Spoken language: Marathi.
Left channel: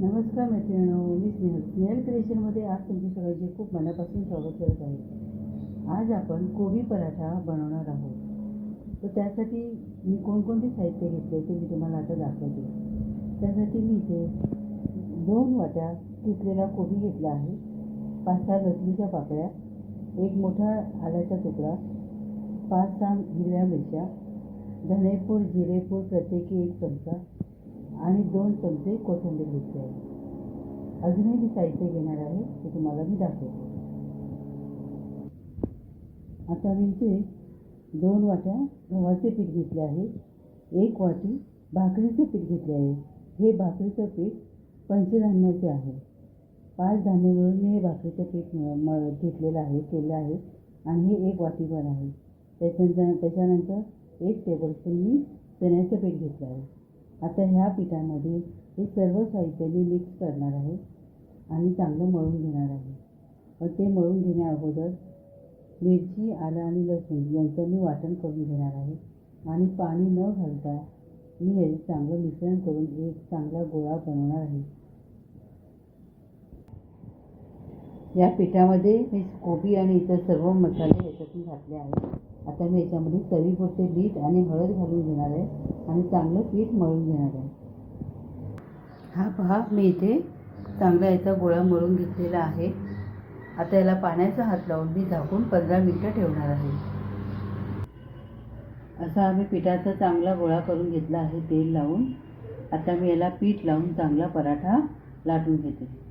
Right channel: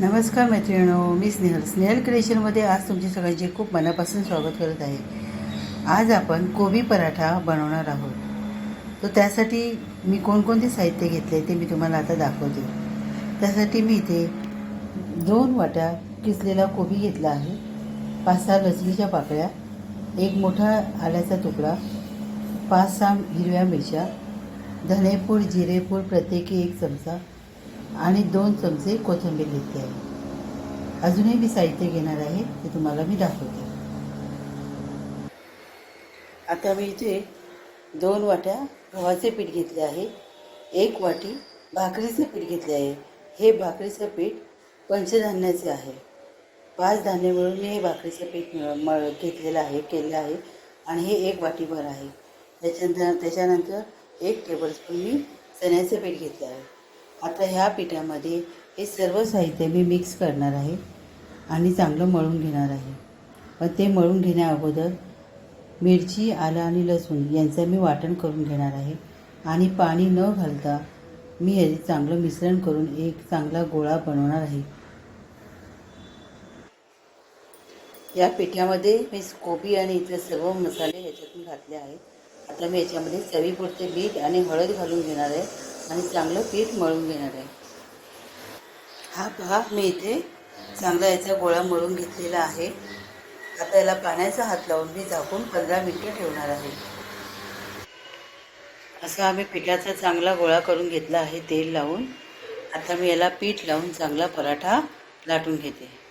नमस्कार मैत्रिणो मी स्नेहल. स्नेहल क्रिएशनमध्ये आज तुमचे सगळ्यांचे खूप मनापासून स्वागत करत आहे. आज आपण कोबी पराठा बनवणार आहोत. तर त्यासाठी मी कोणकोणते साहित्य घेतले ते मी तुम्हाला आता दाखवते. त्यासाठी मी इथे दोन वाट्या किसलेला कोबी घेतला आहे. पाच सहा लसणीच्या पाकळ्या एक मोठा आल्याचा तुकडा पाच सहा हिरव्या मिरच्या धनेपूड जिरेपूड प्रत्येकी एक चमचा आणि दोन चमचे कोथिंबीर घेतली आहे. अजूनही मी साहित्य घेणार आहे ते तुम्हाला मी दाखवते. आता मी इथे दोन वाट्या गव्हाचे पीठ घेतले आहे. एक वाटी भाकरीचे पीठ घेतले आहे. हे भाकरीचं पीठ पंचधान्याचे आहे. पाच धान्य मिळून मी हे भाकरीचं पीठ म मळ घेतलेलं आहे केलं आहे आणि हे एक वाटीभर आहे. त्याच्यानंतर त्याच्यानंतर एक टेबलस्पून मी चण्याचं पीठ घेतलं आहे. आता ह्या पिठामध्ये हे सर्व साहित्य मी मिक्स करणार आहे आणि चांगलं मळून घेणार आहे. पण ते मळून घेण्या अगोदर मिरची आलं आणि लसूण यांचं मी वाटण करून घेणार आहे. आणि पाणी न घालता मी हे चांगलं मिश्रण करून एक चांगला गोळा बनवणार आहे. या पिठामध्ये मी कोबी आणि इतर सर्व मसाले ह्याच्यातून घातले आहे आता मी याच्यामध्ये चवीपुरते मीठ आणि हळद घालून घेणार आहे. आणि चांगलं पीठ मळून घेणार आहे. हा पहा मी इथे चांगला याचा गोळा मळून घेतलेला आहे. आता याला पाण्याचा हात लावून मी झाकून पंधरा मिनटं ठेवणार आहे. असा आम्ही पिठाचा चांगला गोळा करून घेतला आहे तेल लावून. आता मी याला पीठ लावून चांगला पराठा लाटून घेते.